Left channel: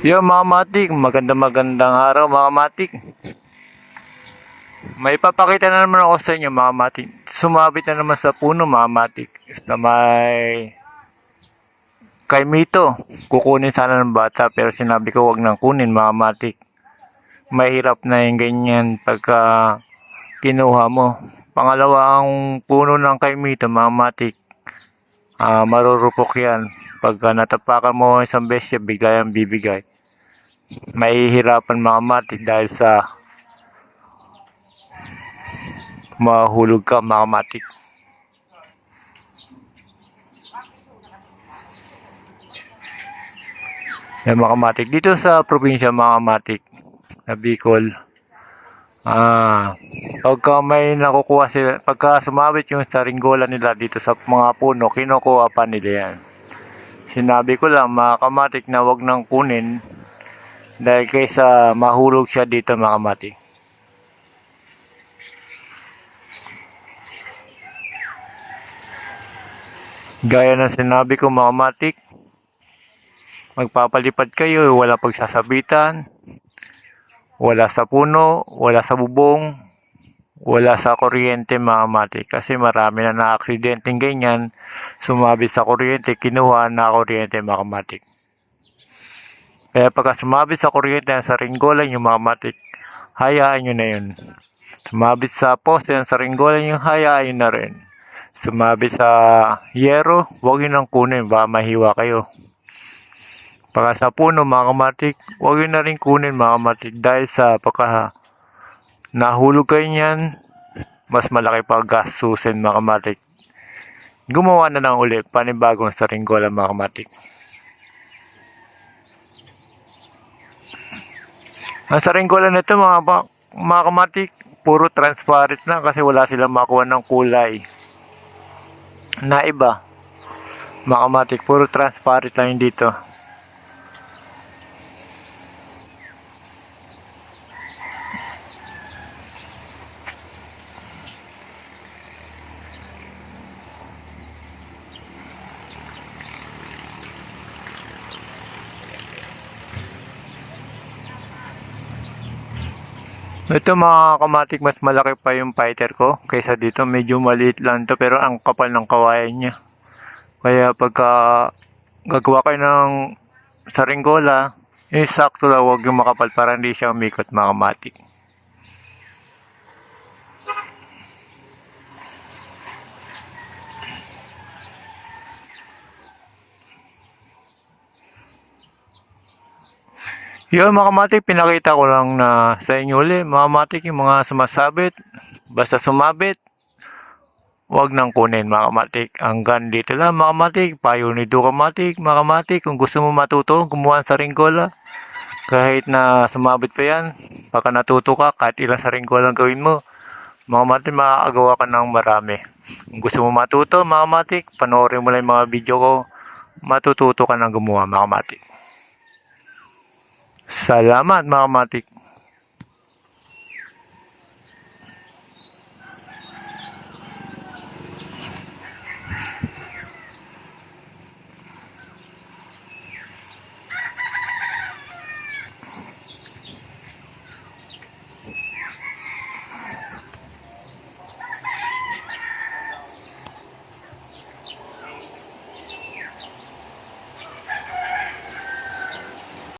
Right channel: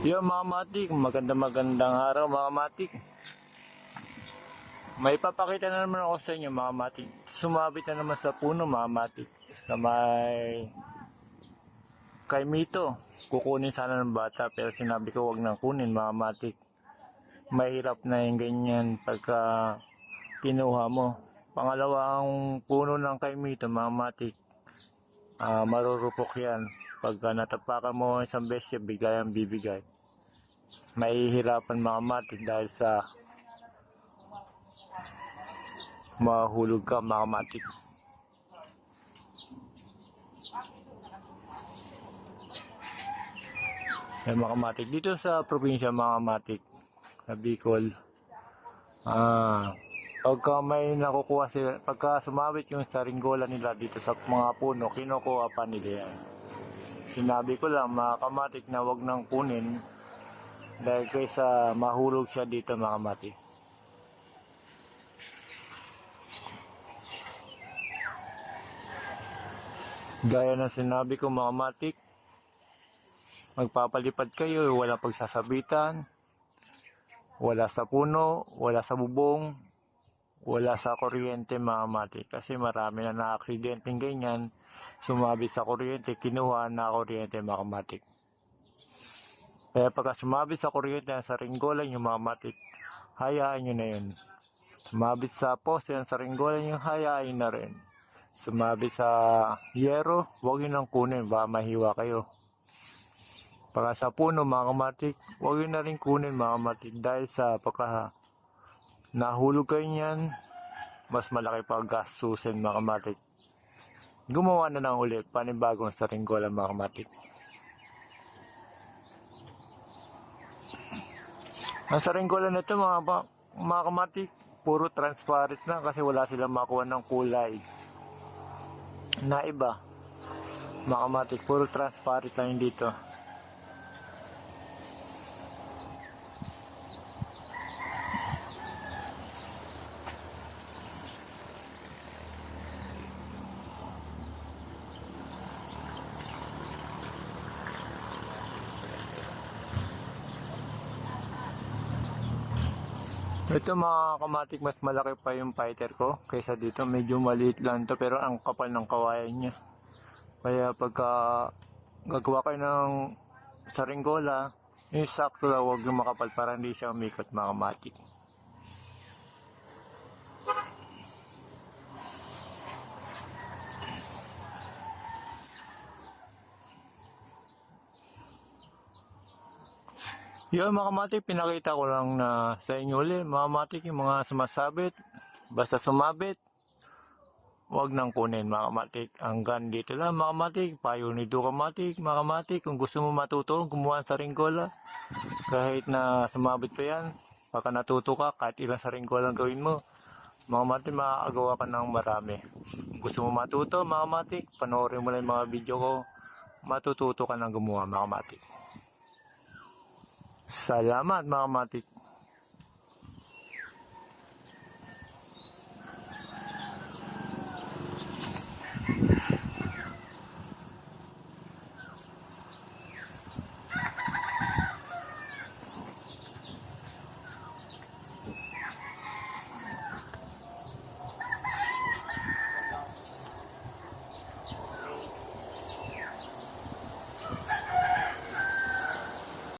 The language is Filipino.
Yo mga matik, magandang araw mga matik. May papakita na naman ako sa inyo mga matik. Sumabit na naman sa puno mga matik. Na may kay Mito. Kukunin sana ng bata pero sinabi ko wag nang kunin mga matik. Mahirap na yung ganyan pagka kinuha mo. Pangalawa ang puno ng kay Mito mga matik. Marurupok yan. Pagka natapakan mo isang beses bigla yung bibigay. Mahihirapan mga matik dahil sa mahulog ka mga matik. Yan mga kamatik. Dito sa probinsya mga kamatik, na Bicol, pagka may nakukuha sila, pagka sumabit yung saringgola nila dito sa mga puno, kinukuha pa nila yan. Sinabi ko lang mga kamatik na wag nang kunin dahil kaysa mahulog siya dito mga kamatik. Gaya ng sinabi ko mga kamatik, magpapalipad kayo, wala pagsasabitan, wala sa puno, wala sa bubong, wala sa kuryente mga matik. Kasi marami na na-aksidenteng ganyan, sumabit sa kuryente, kinuha na kuryente mga matik. Kaya pagka sumabit sa kuryente sa ringgolan yung mga matik, hayaan nyo na yun. Sumabit sa poste sa ringgolan yung hayaan nyo na rin. Sumabit sa yero, huwag yun ang kunin, baka mahiwa kayo. Pagka sa puno mga kamatik, huwag yun na rin kunin mga kamatik dahil sa pagka nahulog kayo niyan, mas malaki pa gastusin mga kamatik. Gumawa na lang ulit panibagong saringgola mga kamatik. Ang saringgola nito mga kamatik, puro transparent na kasi wala silang makuha ng kulay na iba. Mga kamatik, puro transparent lang yung dito. Ito mga kamatik, mas malaki pa yung fighter ko kaysa dito. Medyo maliit lang to pero ang kapal ng kawayan niya. Kaya pagka gagawa kayo ng saringgola, sakto lang, huwag yung makapal para hindi siya umikot mga kamatik. Yun mga kamatik, pinakita ko lang na sa inyo ulit mga kamatik yung mga sumasabit. Basta sumabit, huwag nang kunin mga kamatik. Hanggang dito lang mga kamatik, payo ni Kamatik. Mga kamatik, kung gusto mo matuto, gumawa sa ringgola. Kahit na sumabit pa yan, baka natuto ka, kahit ilang saringgola gawin mo. Mga kamatik, makakagawa ka ng marami. Kung gusto mo matuto mga kamatik, panoorin mo lang yung mga video ko. Matututo ka ng gumawa mga kamatik. Salamat mga kamatik.